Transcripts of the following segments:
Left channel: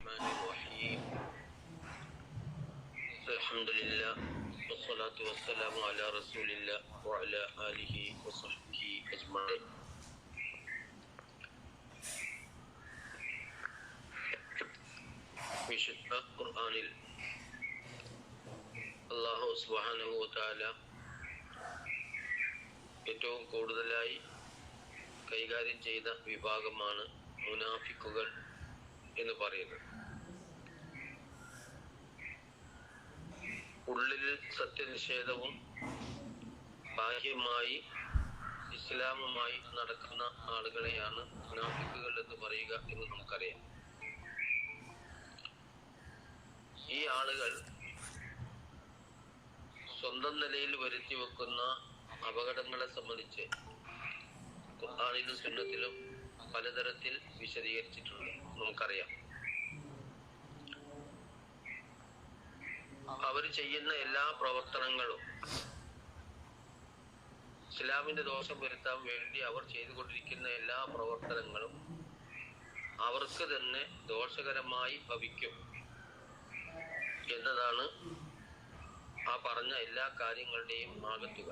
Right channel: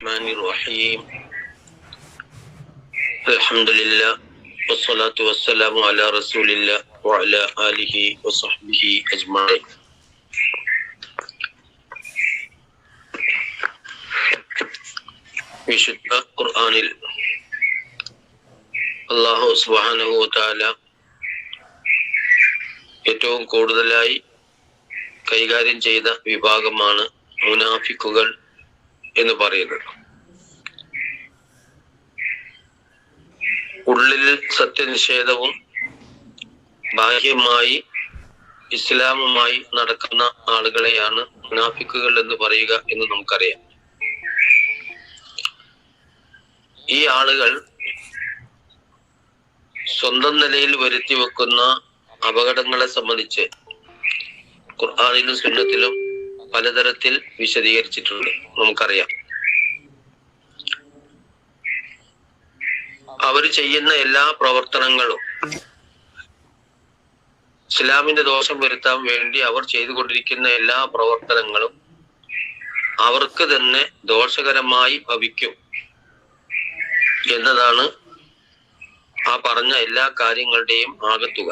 الرحمن الرحيم الحمد لله والصلاة والسلام على رسول الله وعلى آله وصحبه أجمعين. വിശുദ്ധ ഖുർആനിൽ അല്ലാഹു സുബ്ഹാനഹു വ തആല ഏറ്റവും കൂടുതലായി കൈകാര്യം ചെയ്ത വിഭാഗമാണ് മുനാഫിക്കുകൾ എന്ന് പറയുന്നത്. ഉള്ളിൽ സത്യനിഷേധവും ബാഹ്യമായി ഇസ്ലാമുമായി നടക്കുന്ന ആളുകളെയാണ് മുനാഫിക്കുകൾ എന്ന് പറയുക എന്ന് നമുക്കറിയാം. ഈ ആളുകൾ സ്വന്തം നിലയിൽ വരുത്തി വെക്കുന്ന അപകടങ്ങളെ സംബന്ധിച്ച് ഖുർആനിലും സുന്നത്തിലും പലതരത്തിൽ വിശദീകരിച്ചിട്ടുണ്ട്, നമുക്കറിയാം. അവർ ചെയ്യുന്ന എല്ലാ പ്രവർത്തനങ്ങളും ഇസ്ലാമിന്റെ ദോഷം വരുത്താൻ വേണ്ടി അവർ ചെയ്തുകൊണ്ടിരിക്കുന്ന എല്ലാ പ്രവർത്തനങ്ങളും അവർക്ക് തന്നെ ദോഷകരമായി ഭവിക്കും എന്നതാണ് ആ പറഞ്ഞ എല്ലാ കാര്യങ്ങളുടെയും ആകത്തുക.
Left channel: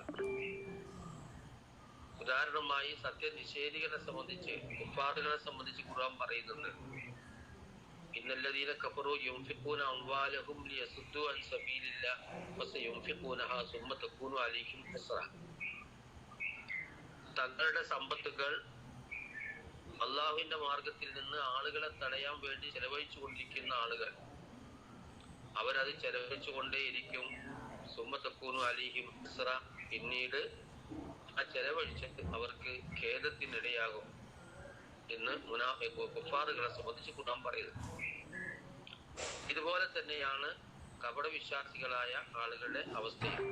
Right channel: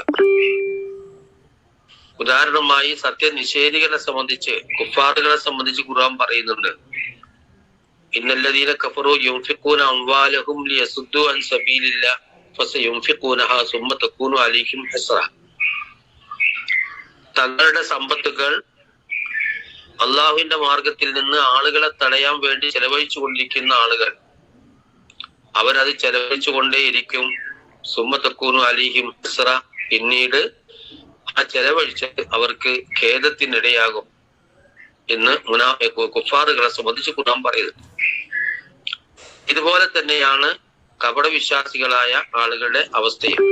ഉദാഹരണമായി സത്യനിഷേധികളെ സംബന്ധിച്ച്, കുഫാറുകളെ സംബന്ധിച്ച് ഖുർആൻ പറയുന്നുണ്ട്, ഇന്നല്ലദീന കഫറു യുൻഫിഖൂന അംവാലഹും ലിയസുദ്ദു അൻ സബീലില്ലാഹ് ഫസയുൻഫിഖൂനഹാ സുമ്മ തകൂനു അലൈഹിം ഹസ്റ. തങ്ങളുടെ സമ്പത്തുകൾ അള്ളാഹുവിന്റെ മാർഗത്തിൽ നിന്ന് ആളുകളെ തടയാൻ വേണ്ടി ചെലവഴിച്ചു കൊണ്ടിരിക്കുന്ന ആളുകൾ അവരത് ചെലവഴിച്ചു കൊണ്ടേയിരിക്കും. സുമ്മ തകൂനു അലൈഹിം ഹസ്റ, പിന്നീട് ആ ചെലവഴിച്ച് അവർക്ക് ഖേദത്തിനിടയാകും എന്ന് കുഫാറുകളെ സംബന്ധിച്ച് ഖുർആൻ പറയുന്നത്. ഇതുപോലെ തന്നെയാണ് കപടവിശ്വാസികളായ ആളുകളുടെ അവസ്ഥയും.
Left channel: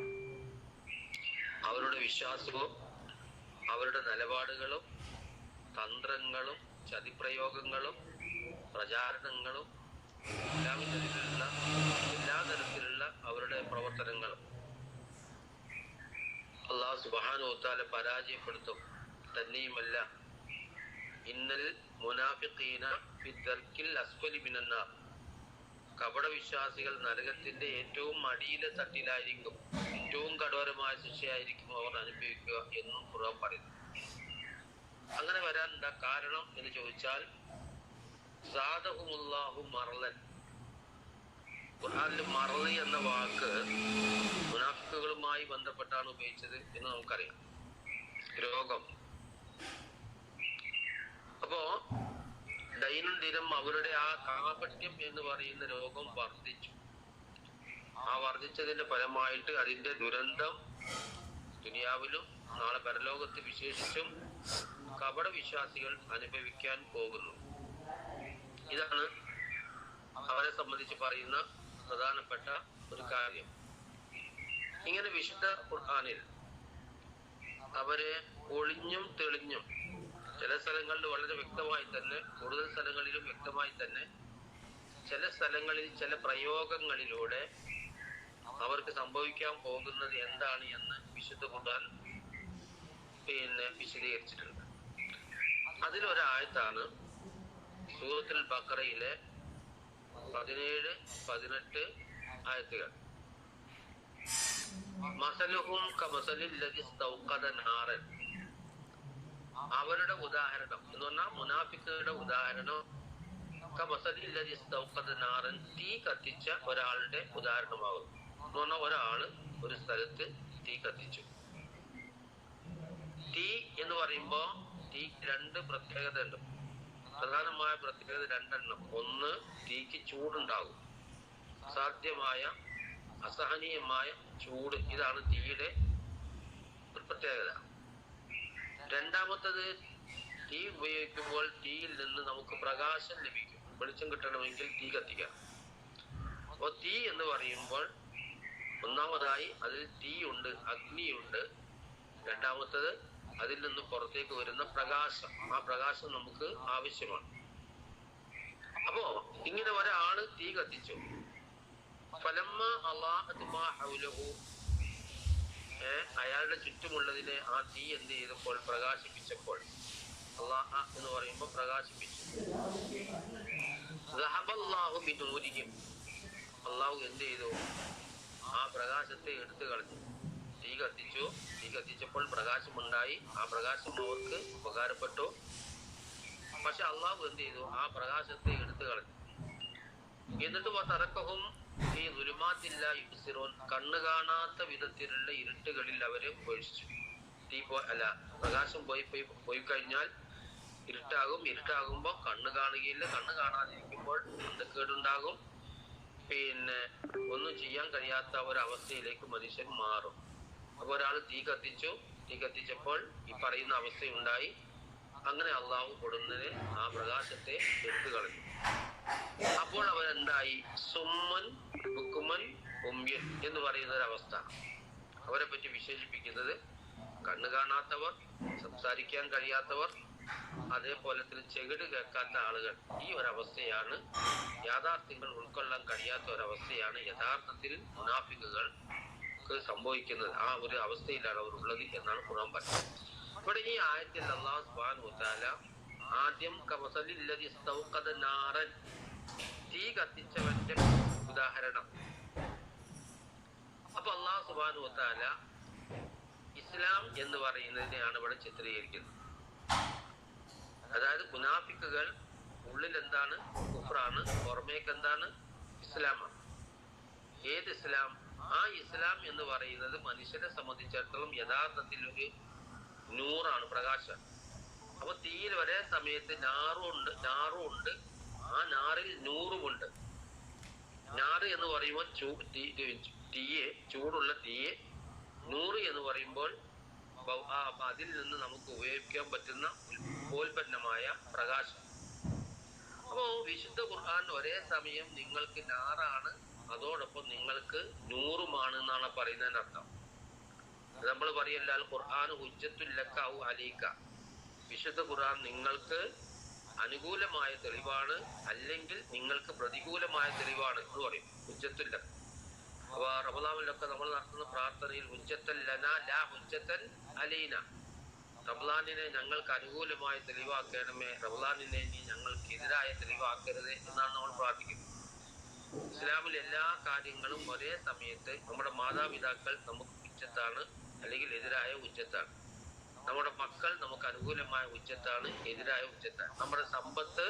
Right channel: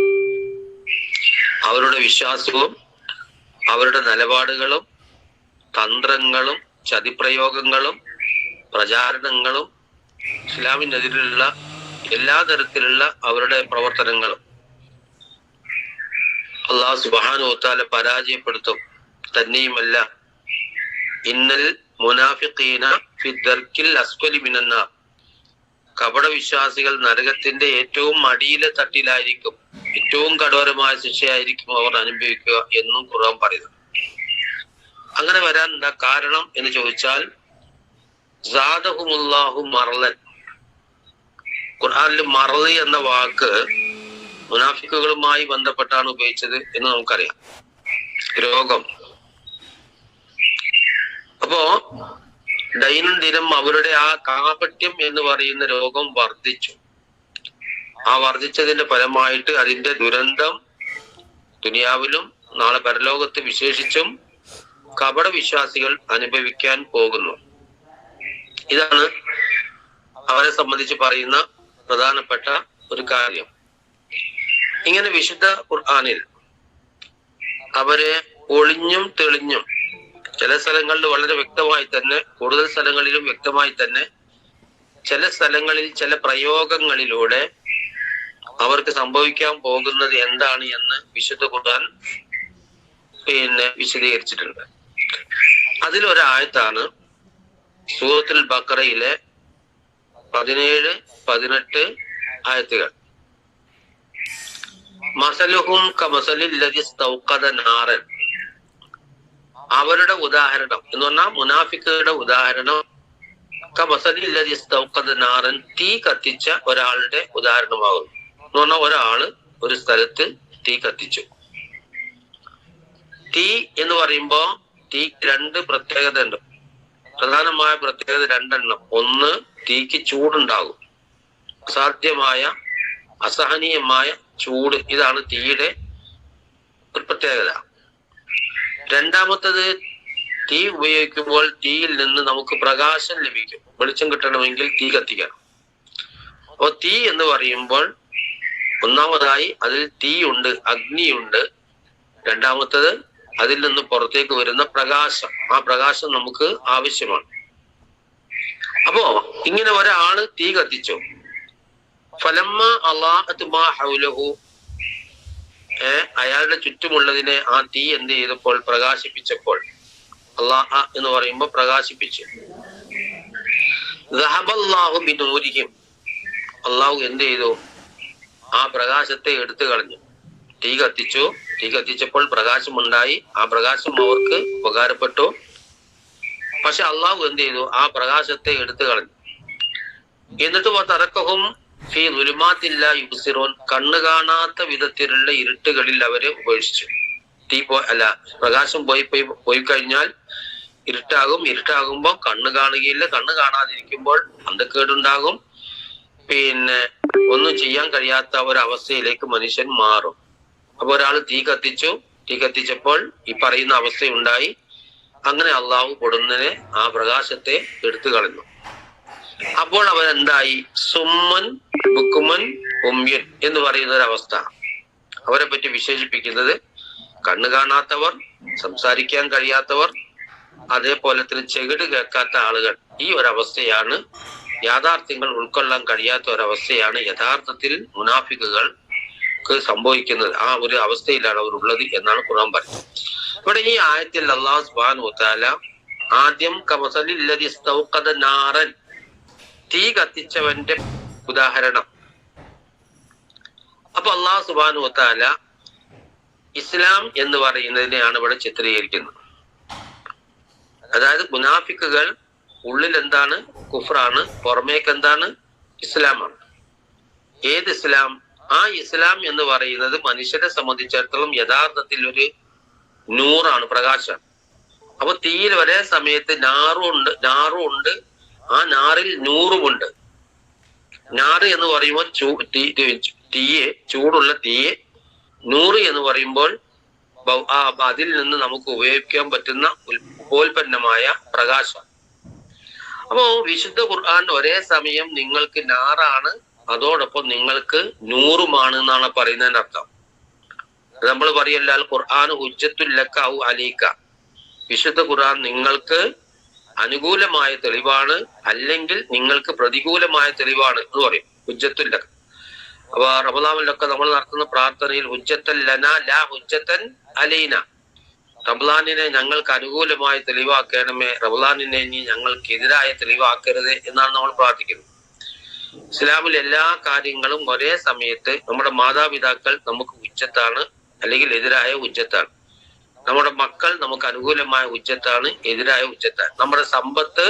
അവരുടെ വിശ്വാസവും അവരുടെ നിലപാടുകളും തന്ത്രങ്ങളും ചതിപ്രയോഗങ്ങളും പ്രചാരണങ്ങളും ഇസ്ലാമിനെതിരെയുള്ള എല്ലാ തരത്തിലുള്ള അവരുടെ പ്രവർത്തനങ്ങളും അല്ലാഹു സുബ്ഹാനഹു വ തആല പരാജയപ്പെടുത്തും. തന്നെയുമല്ല, ഇന്നൽ മുനാഫിഖീന ഫി ദർക്കിൽ അസ്ഫലി മിനന്നാർ, കപടവിശ്വാസികൾ നരകത്തിന്റെ ഏറ്റവും അടിയിലെ തട്ടിലായിരിക്കും, ഏറ്റവും കഠോരമായ ശിക്ഷയായിരിക്കും അവർ അനുഭവിക്കുക എന്നും ഖുർആൻ പറയുന്നു. അങ്ങനെ വരാൻ എന്താ കാരണം എന്ന് ചോദിച്ചാൽ, സാദഹുമുല്ലാഹു മറലൻ. ഖുർആനിൽ മറല് എന്ന വാക്ക് മുനാഫിക്കുകളുമായി ബന്ധപ്പെട്ടാണ് ഉപയോഗിച്ചത് എന്ന് നമുക്കറിയാം. രോഗം. അപ്പോ ദൈനംദിനം അവരുടെ ആ കാപട്യം എന്ന് പറയുന്ന രോഗം വർദ്ധിച്ചു. ആ വർദ്ധിച്ചതിന്റെ ഫലമായിട്ട് അതിന്റെ ദുരന്തം ദുനിയാവിലും നാളെ പരലോകത്ത് വിശേഷിച്ചും കപട വിശ്വാസികൾ അനുഭവിക്കാൻ പോകുന്നു. ഇതാണ് അവരെ സംബന്ധിച്ച് പറയുന്ന പ്രധാനപ്പെട്ട ഒരു കാര്യം. ഇങ്ങനെ വിശുദ്ധ ഖുർആനിൽ അവരെ ഒളിഞ്ഞും തെളിഞ്ഞും, ചില സ്ഥലങ്ങളിൽ വളരെ വ്യക്തമായി തന്നെ, കൂടുതൽ സ്ഥലങ്ങളിലും വ്യക്തമായി തന്നെ, ചില സ്ഥലങ്ങളിൽ ചില പ്രയോഗങ്ങളിലൂടെ അവർക്ക് സംഭവിക്കാൻ പോകുന്നത് എന്താണ് എന്ന് വിശുദ്ധ ഖുർആൻ വിശദീകരിച്ചിട്ടുണ്ട്. അതിലൊരായത്താണ് സൂറത്തുൽ ബഖറയിലെ 17, 18 ആയത്തുകൾ. മസലുഹും കമസലിൽ ലദി ഇസ്തൗഖദ നാറൻ. അവരുടെ ഉദാഹരണം എന്ന് പറഞ്ഞാൽ മുനാഫിക്കുകളുടെ ഉദാഹരണം കമസലിൽ ലദി ഇസ്തൗഖദ നാറൻ, തീ കത്തിച്ച ഒരാളുടെ ഉദാഹരണമാകുന്നു. എന്ന് പറഞ്ഞാൽ ഒരാള് ഒരു സ്ഥലത്ത് തീ കത്തിച്ചു. തീ എന്ന് പറയുമ്പോ തീക്ക് രണ്ട് പ്രത്യേകത ഉണ്ട്. പ്രധാനമായ പ്രത്യേകത രണ്ടെണ്ണം. ഒന്ന്, തീക്ക് ചൂടുണ്ടാകും, അസാധ്യമായ അസഹനീയമായ ചൂട്. ഇതാണ് തീയുടെ ഒരു പ്രത്യേകത. രണ്ടാമത്തത്, തീ ഉപയോഗിക്കുമ്പോൾ തീയിൽ നിന്ന് നമുക്ക് പ്രകാശം ലഭിക്കും. വെളിച്ചം കിട്ടണമെങ്കിൽ തീ കത്തിക്കണം. അപ്പൊ തീ എന്ന് പറയുമ്പോൾ ഒന്നാമതായി അതിൽ തീയുണ്ട്, അഗ്നിയുണ്ട്. രണ്ടാമത്തത് അതിൽ നിന്ന് പുറത്തേക്ക് വരുന്ന പ്രകാശം. ആ പ്രകാശം നമുക്ക് ആവശ്യമാണ്. അപ്പോ ഇങ്ങനെ ഒരാള് തീ കത്തിച്ചു. ഫലമ്മ അല്ലാഹത് മാ ഹൗലഹു, അയാളുടെ ചുറ്റുമുള്ളതിനെ ആ തീ എന്ത് ചെയ്തപ്പോൾ, പ്രകാശിപ്പിച്ചപ്പോൾ, അള്ളാഹ എന്ന് പറയുമ്പോൾ പ്രകാശിപ്പിച്ചു. ദഹബല്ലാഹു ബിനൂരിഹിം, അള്ളാഹു എന്ത് ചെയ്തു? ആ പ്രകാശത്തെ എടുത്തു കളഞ്ഞു. തീ കത്തിച്ചു. തീ കത്തിച്ചപ്പോൾ പ്രകാശമുണ്ടായി. ആ പ്രകാശം അവർക്ക് ഉപകാരപ്പെട്ടു. പക്ഷെ അള്ളാഹു എന്ത് ചെയ്തു? ആ പ്രകാശത്തെ എടുത്തു കളഞ്ഞു. എന്നിട്ട് തറക്കഹും ഫീ ദുലുമാത്തില്ല യുബ്സിറൂൻ, കണ്ണു കാണാത്ത വിധത്തിലുള്ള ഇരുട്ടുകളിൽ അവരെ ഉപേക്ഷിച്ചു. പ്രകാശം പോയി കഴിഞ്ഞാൽ ഇരുട്ടാകും. ഇരുട്ടാകുമ്പോൾ കണ്ണ് കാണുകയില്ല. കണ്ണ് കാണാതിരിക്കുമ്പോൾ അന്ധക്കേടുണ്ടാകും. പിന്നെ ഒന്നും ചെയ്യാൻ കഴിയാത്ത ഒരവസ്ഥയിലേക്ക് മനുഷ്യൻ മാറും. അപ്പൊ ഒരാൾ തീ കത്തിച്ചു. തീ കത്തിച്ചപ്പോൾ ഈ പറയുന്ന അവസ്ഥയുണ്ടായി. അങ്ങനെ അള്ളാഹു പൊടുന്നനെ ആ പ്രകാശത്തെ എടുത്തു കളഞ്ഞു. അപ്പോൾ അവരെന്തായി? സുമ്മൻ ബുക്കുമൻ ഉമ്യൻ എന്ന് പറയുന്ന ഒരവസ്ഥ. അവരെ പറ്റി വിശേഷിപ്പിക്കുന്നത് കണ്ണു കാണാത്തവർ, സംസാരിക്കാൻ കഴിയാത്തവർ, അതേപോലെ തന്നെ ചെകിട് കേൾക്കാത്ത ആളുകൾ. ഈ ഒരവസ്ഥയാണ്, യാഥാർത്ഥ്യങ്ങൾ ഉൾക്കൊള്ളാൻ കഴിയാത്ത ഒരവസ്ഥയാണ് യഥാർത്ഥത്തിൽ മുനാഫിക്കുകൾക്ക് സംഭവിക്കുന്നത്. ആ ഒരു അവസ്ഥയിലാണ് അവർ ഉള്ളത് എന്നാണ് ഖുർആൻ പറയുന്നത്. ഇവിടെ ഈ ആയത്തിൽ അല്ലാഹു സുബ്ഹാനഹു വ തആല ആദ്യം കമസലില്ലദി ഇസ്തൗഖദ നാറൻ, തീ കത്തിച്ചവന്റെ ഉദാഹരണം. അപ്പൊ അല്ലാഹു സുബ്ഹാനഹു വ തആല ഇസ്ലാം എന്ന് പറയുന്നതിനെയാണ് ഇവിടെ ചിത്രീകരിക്കുന്നത്. അതായത് മുനാഫിക്കുകൾ ഉള്ളിൽ എന്താണ്? കുഫ്റാണ്. പുറമേക്ക് എന്താണ്? ഇസ്ലാമാണ്. ഏത് ഇസ്ലാം? ആ ഇസ്ലാം എന്ന് പറയുന്നത് മനുഷ്യരെ സംബന്ധിച്ചിടത്തോളം യഥാർത്ഥത്തിൽ ഒരു നൂറാണ്, പ്രകാശം. അപ്പൊ തീയിൽ ഒരേ സമയത്ത് നാറും ഉണ്ട്, ആ നാറിൽ നൂറുമുണ്ട്. നാറ് എന്ന് പറയുമ്പോൾ തീയെ, ചൂടുള്ള തീയെ. നൂറ് എന്ന് പറയുമ്പോൾ അതിൽ നിന്ന് നമുക്ക് ഉപയോഗിക്കാൻ പറ്റുന്ന ഉപോൽപ്പന്നമായ പ്രകാശം. അപ്പോ വിശുദ്ധ ഖുർആൻ ഒരേ സമയം നിങ്ങൾക്ക് നാറാണ്, അതോടൊപ്പം നിങ്ങൾക്ക് നൂറുമാണ് എന്നാണ് പറയുന്നതിന്റെ അർത്ഥം. നമ്മൾ പറയല്ലാൽ ഖുർആൻ ഹുജ്ജത്തുൽ ലക ഔ അലൈക, വിശുദ്ധ ഖുർആൻ നിങ്ങൾക്ക് അനുകൂലമായ തെളിവാണ്, അല്ലെങ്കിൽ നിങ്ങൾക്ക് പ്രതികൂലമായ തെളിവാണ് എന്ന് പറയും. ഹുജ്ജത്തുൽ ലക. അപ്പൊ റമളാനിലൊക്കെ നമ്മൾ നടത്തുന്ന പ്രാർത്ഥനയിൽ ഹുജ്ജത്തൻ ലനാ ലാ ഹുജ്ജത്തൻ അലൈന, റമളാനിനെ ഞങ്ങൾക്ക് അനുകൂലമായ തെളിവാക്കണമേ, റമളാനിനെ ഇനി ഞങ്ങൾക്ക് എതിരായ തെളിവാക്കരുത് എന്നാണ് നമ്മൾ പ്രാർത്ഥിക്കുന്നത്. ഇസ്ലാമിൽ എല്ലാ കാര്യങ്ങളും ഒരേ സമയത്ത് നമ്മുടെ മാതാപിതാക്കൾ നമുക്ക് ഉജ്ജത്താണ്, അല്ലെങ്കിൽ എതിരായ ഉജ്ജത്താണ്. നമ്മുടെ മക്കൾ നമുക്ക് അനുകൂലമായ ഉജ്ജത്താണ്, എതിരായ ഉജ്ജത്താണ്. നമ്മുടെ സമ്പത്ത്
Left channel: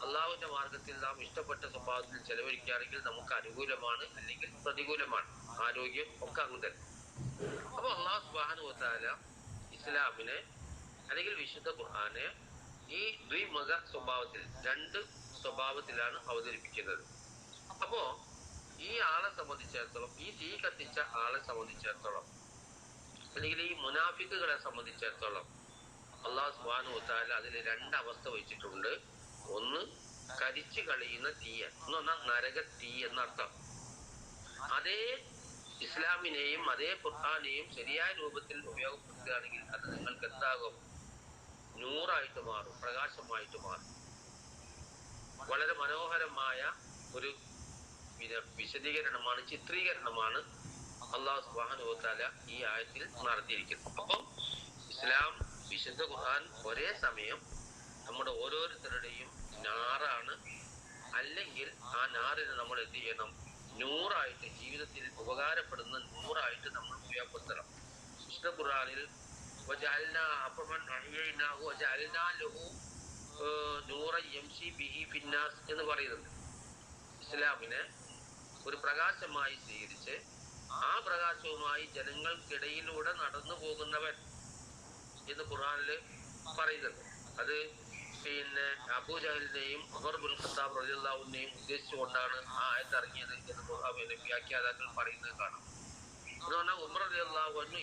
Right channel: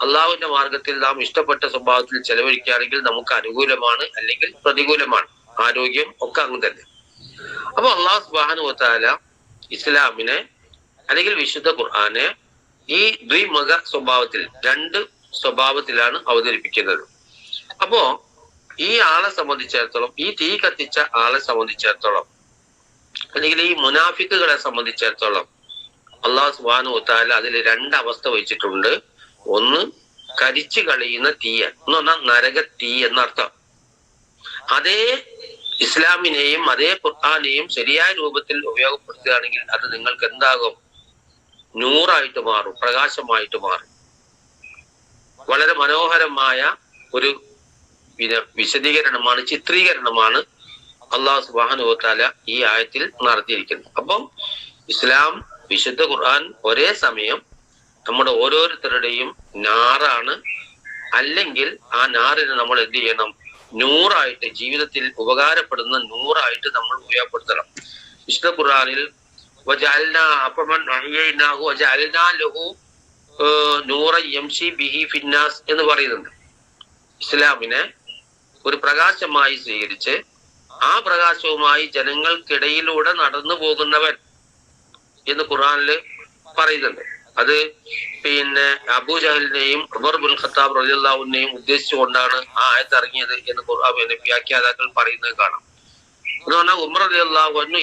അള്ളാഹുവിന്റെ മാർഗത്തിൽ നാം ഇഷ്ടപ്പെട്ട സ്വഭാവത്തിൽ ചെലവഴിക്കുകയാണെങ്കിൽ നമുക്ക് അനുകൂലമാണ്, അല്ലെങ്കിൽ പ്രതികൂലമാണ്. ആരോഗ്യം ഒക്കെ അങ്ങനെ തന്നെ. അപ്പൊ അള്ളാഹു സുബ്ഹാനഹു വ തആല ഇസ്ലാമിനെ അല്ലെങ്കിൽ വിശുദ്ധ ഖുർആനെ ഈ ദ്വിമുഖ സ്വഭാവത്തിൽ, രണ്ട് സ്വഭാവത്തിലാണ് അവതരിപ്പിക്കുന്നത്. അപ്പോ ഈ ആളെ സംബന്ധിച്ചിടത്തോളം, ഈ തീ കത്തിച്ച ആളെ സംബന്ധിച്ചിടത്തോളം, അല്ലെങ്കിൽ ഈ മുനാഫിക്കുകളെ സംബന്ധിച്ചിടത്തോളം അള്ളാഹു സുബ്ഹാനഹു വ തആല അതിൽ രണ്ട് അവസ്ഥ വെച്ചിട്ടുണ്ട്. ഒന്ന് കരിച്ചു കളയുന്ന തീയ എന്ന് പറഞ്ഞാൽ നരക തീ എന്നർത്ഥം. അതേ ഇസ്ലാമിനെയും അതേ ഖുർആനെയും ശരിയായ രൂപത്തിൽ ഉപയോഗപ്പെടുത്തുകയാണെങ്കിൽ അത് നിങ്ങൾക്ക് എന്താകും? നൂറായിട്ട് മാറും, പ്രകാശമായിട്ട് മാറും. വളരെ മനോഹരമായ ഒരു വിശദീകരണമാണ്, ചിത്രീകരണമാണ് അല്ലാഹു സുബ്ഹാനഹു വ തആല ഈ ആയത്തിൽ നടത്തിയിരിക്കുന്നത്. അപ്പം ഇസ്ലാം, വിശുദ്ധ ഖുർആൻ ഒരേ സമയം നമ്മുടെ ഓരോരുത്തരുടെയും നാറാണ്, അല്ലെങ്കിൽ ആ നാറിനെ നമ്മൾ എന്ത് ചെയ്യണം? നൂറായിട്ട്, ജീവിതത്തിൽ ഉപകാരപ്പെടുന്ന നൂറായിട്ട് നമ്മൾ ഉപയോഗപ്പെടുത്തണം. വിശുദ്ധ ഖുർആനിൽ എന്ന് പറയുന്നുണ്ട്. ഇസ്ലാമിനെ ഒരു പ്രകാശമായി സ്വീകരിച്ച് ആ പ്രകാശവുമായി ജനങ്ങൾക്കിടയിലൂടെ നടന്നു പോകുന്നവൻ എന്ന് ഖുർആനില് പറയുന്നുണ്ട്. അത് പിന്നെ അബൂജഹലിനെയും ഉമർ ബിൻ ഖത്താബ് റളിയല്ലാഹു അൻഹുവിനെയും ഉദ്ദേശിച്ചുകൊണ്ടാണ് ആ ആയത്ത് ഇറങ്ങിയത് എന്ന് വ്യാഖ്യാതാക്കൾ പറയുന്നത് കാണാം. എന്ന് പറഞ്ഞാൽ ഉമർ റളിയല്ലാഹു അൻഹു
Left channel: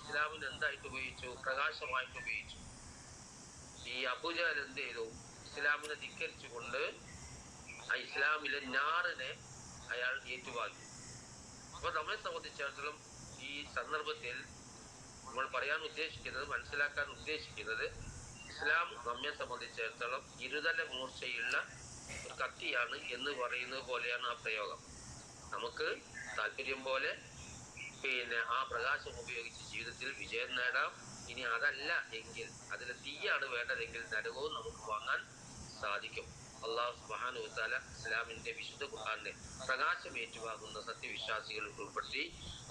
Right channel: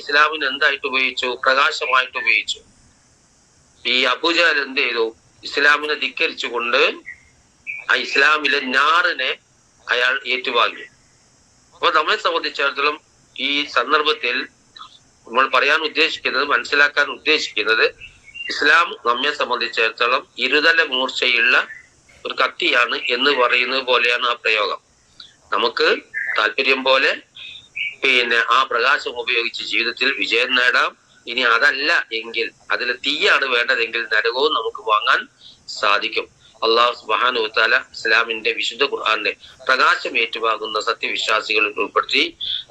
ഇസ്ലാമിന് എന്തായിട്ട് ഉപയോഗിച്ചു? പ്രകാശമായിട്ട് ഉപയോഗിച്ചു. ഈ അബൂജഹൽ എന്ത് ചെയ്തു? ഇസ്ലാമിനെ ധിക്കരിച്ചുകൊണ്ട് ആ ഇസ്ലാമിലെ നാറിനെ അയാൾ ഏറ്റുവാങ്ങി. അപ്പൊ നമ്മളെ സംബന്ധിച്ചിടത്തോളം ഈ സന്ദർഭത്തിൽ നമ്മൾ പറയാൻ ഉദ്ദേശിക്കുന്നത്, മനസ്സിലാക്കാൻ ഉദ്ദേശിക്കുന്നത്, ഇസ്ലാം നമ്മെ സംബന്ധിച്ചിടത്തോളം ഇരുതല മൂർച്ചയുള്ള ഒരു കത്തിയാണ് എന്ന് പറയുന്നത് പോലെയാണ് ആ പ്രയോഗം. നമുക്ക് താല്പര്യം പോലെ പിന്നെ ആ പ്രകാശം ഉപയോഗിച്ച് ജീവിതത്തിൽ വിജയം നേടാം. ഇനി അതല്ല എങ്കിൽ, അതിൽ തീയാണ് വേണ്ടതെങ്കിൽ നരകവും നമുക്ക് വാങ്ങാൻ സാധിക്കും. അള്ളാഹു സുബ്ഹാനഹു വ തആല ഇസ്ലാമിന്റെ വിശുദ്ധ ഖുർആന്റെ പ്രകാശം ഏറ്റുവാകുന്ന സത്യവിശ്വാസികളിൽ ഉൾപ്പെടുത്തി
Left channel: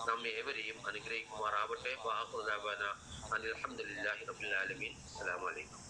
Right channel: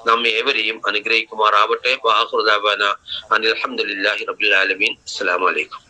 നമ്മെ ഏവരെയും അനുഗ്രഹിക്കുമാറാവട്ടെ. വആഖിറു ദഅവാന അനിൽ ഹംദുലില്ലാഹി റബ്ബിൽ ആലമീൻ. അസ്സലാമു അലൈക്കും.